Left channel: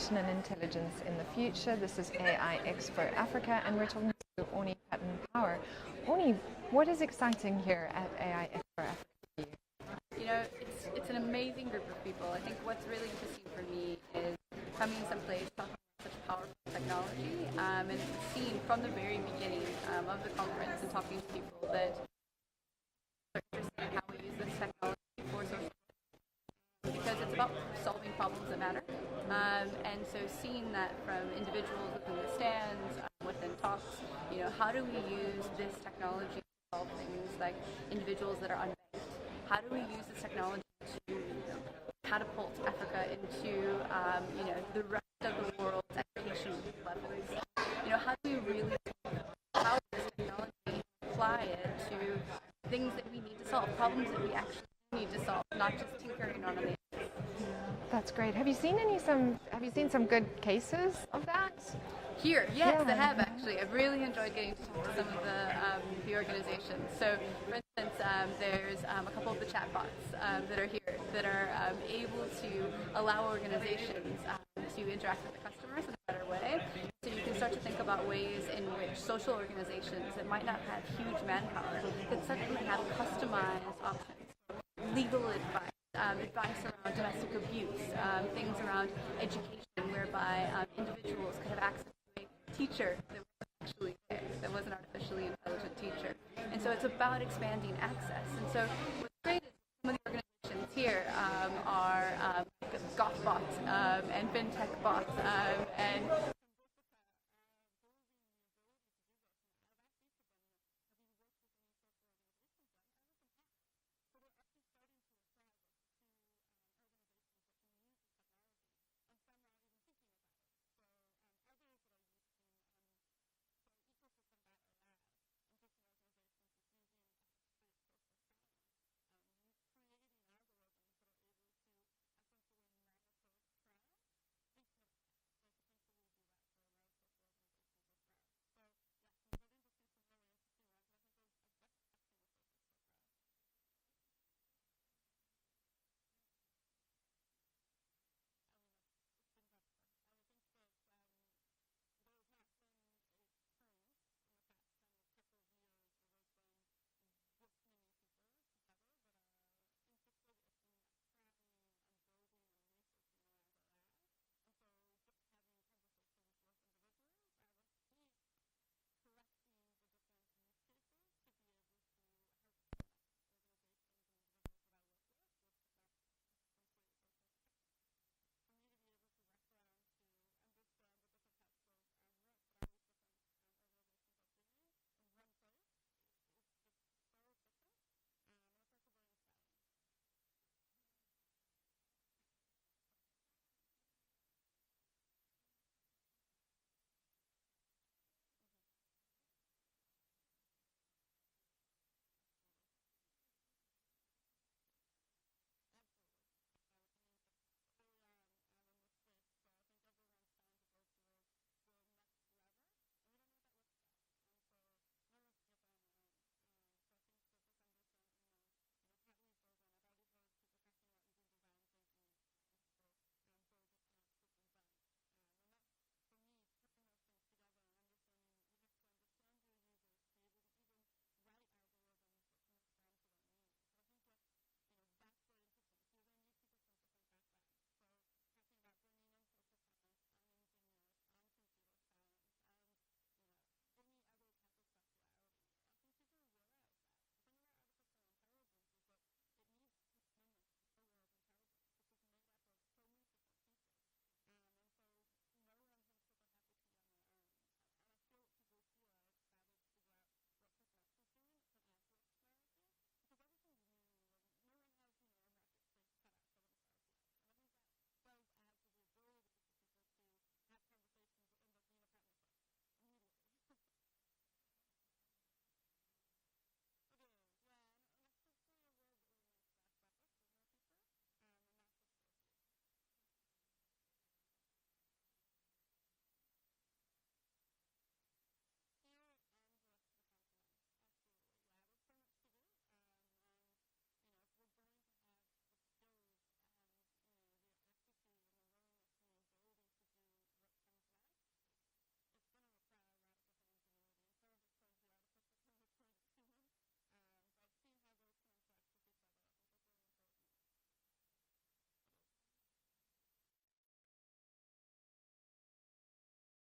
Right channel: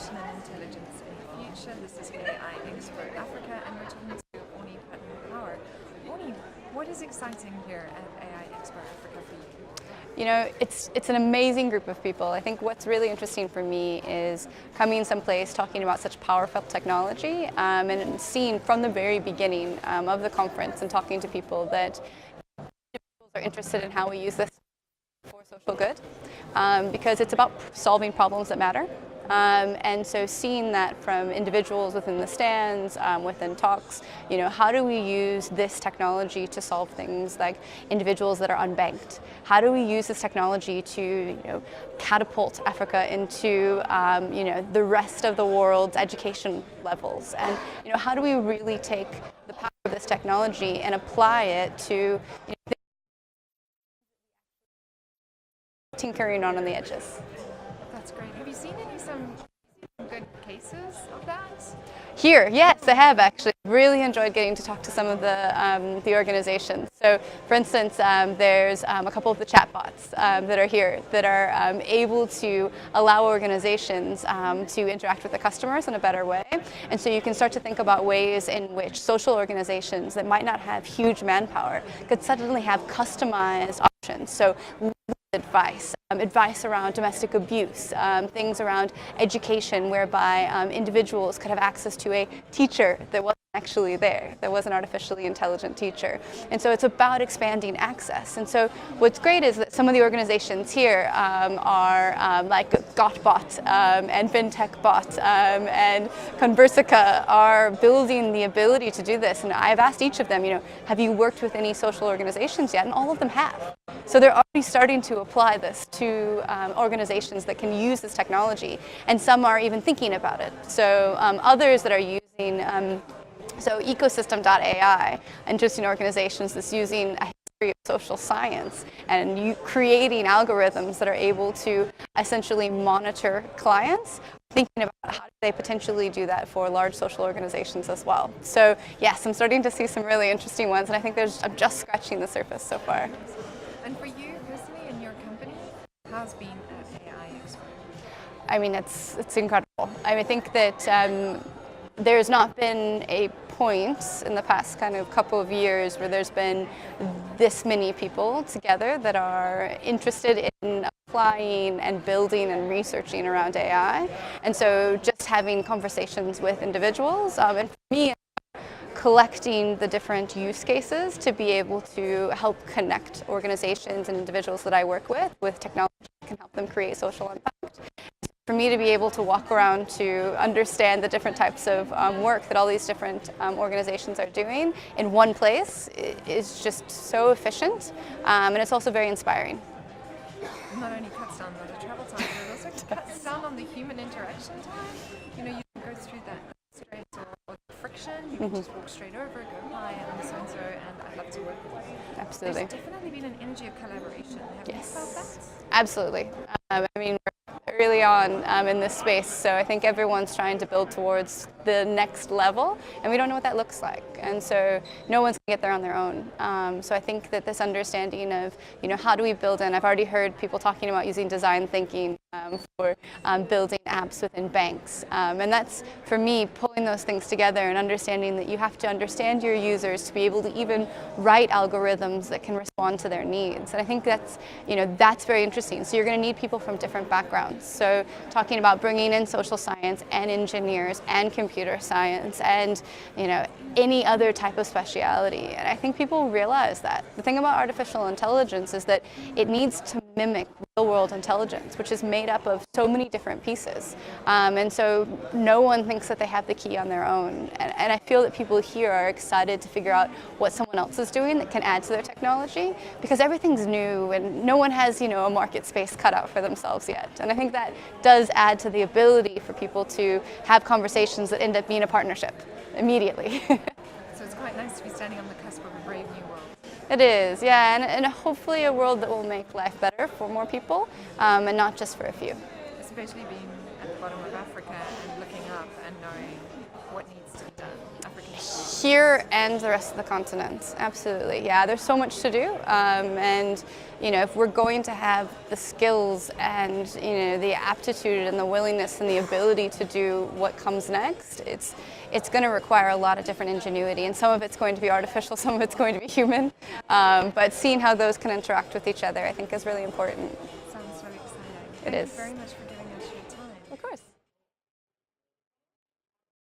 Automation and Intelligence in the Future. This is AI Expo Africa, and we're talking to AUNNIE PATTON Power. AUNNIE, what is exciting here at AI Expo Africa for you? You know, it's an amazing group of people. I think what's really interesting for me is coming someplace talking about such powerful technology and seeing from the very beginning of the conference and talking to people that individuals are interested in how we use this technology for social good because it's about solving problems that matter. And so seeing that from individuals within the stands, within talks, you know, how do we use this technology to solve things like individuals that are unbanked? How do we use this technology to, you know, catapult Africa into, you know, the rest of the world's education levels? And, you know, how do we really take the power of this technology and apply it to, you know, things that we need to solve, problems that we actually need to solve, not just tinkering on the edges? That's great. Have you seen some good cases of that? Here, yes, I have actually. I've really enjoyed getting to talk to some of the organizations. So, for instance, there's a couple of the chatbots that are here that are able to allow organizations to interact with the customers in a better way. And so you can start to think about ways in which social organizations that might not have huge manpower could suddenly have customized options. So legal advice, advice around domestic abuse, things around education whereby individuals could have access to a teacher that wasn't actually there, that was an artificially intelligent teacher. And so it's about expanding access. And so what's great is that some of the organizations here are like Gotbot and FinTechBot and Conversica are building the ability to do this. And I've asked each of them, you know, have you worked with any social organizations yet? And all of them have. So they're already starting to apply this to organizations that can use this technology, and some are even thinking about it. So others that are using, so ecosystem.ai, interesting organizations that's using a history of social science and creating algorithms that are able to essentially monitor clients, thinking about how do they potentially do that for large social organizations as well. So yes, I'm starting to see some really interesting ones, and I think I'm just scratching the surface so far. And for you personally and your company, how's been at AI Expo? I mean, it's incredible. I think that there's not been a point in the past kind of couple of years where there's been this many people together that are interested in applying and building and researching around AI. And so just having conversations with individuals, and for me, collecting the different use cases to be able to help connect organizations and individuals that I work with technology that can help them create social impact. For me to be able to walk around to understand the different types of work that all these different organizations are doing in one place is just so efficient, and it's also very inspiring. Not only cuts down on the travel time, but also cuts down on the human interaction time. You know, you can go through that stress or friction, you can just walk straight over, go, hi, I'm so-and-so, and I'd love to work with you. Absolutely. There's definitely been an energy of collaboration. Have you felt that? Absolutely. I mean, we're early on in this space, so I think everyone's trying to build towards the next level, and we don't know what that looks like. And so no one's going to get there on their own. So I think that this understanding of, you know, how do we build in, I've already heard people talking about using design thinking for building apps within banks. And that's, for me, pulling those things together and understanding that you have to understand your users to be able to even write algorithms that can respond to their needs. And I think that's, you know, that's very interesting. So you're going to need people from different backgrounds. So talking about bringing in social science and engineers and computer science and, you know, any other type of speciality. And I think people realize that. The thing about artificial intelligence is that it needs to mimic real-world intelligence, which is made up of so many different pieces. And so no one thinks that they have the key on their own. And I feel that people here are excited to figure out what someone else is doing that can add to their technology, because everything's new and no one has, you know, a market space cut out for themselves yet. And I think that does add to the ability for people to have conversations that end up being a partnership immediately. So it's quite nice to be standing on the cusp of a brave new world. It is, yeah, and hopefully a world that will make life better for more people, and not just for a few. Especially being at the bottom of Africa and looking up and knowing what needs to be done, African students? Here and the rest of the continent, absolutely. Yeah, there's so much to do, and if we're going to have the skills and the aptitude and the willingness and the ability to do what comes next, it's going to require a lot of different ingenuity, and some of it's going to be artificial, some of it's going to be human, but seeing how those can interact with each other, I think, is really important. Sounds really exciting. It is. Thank you very much for giving us your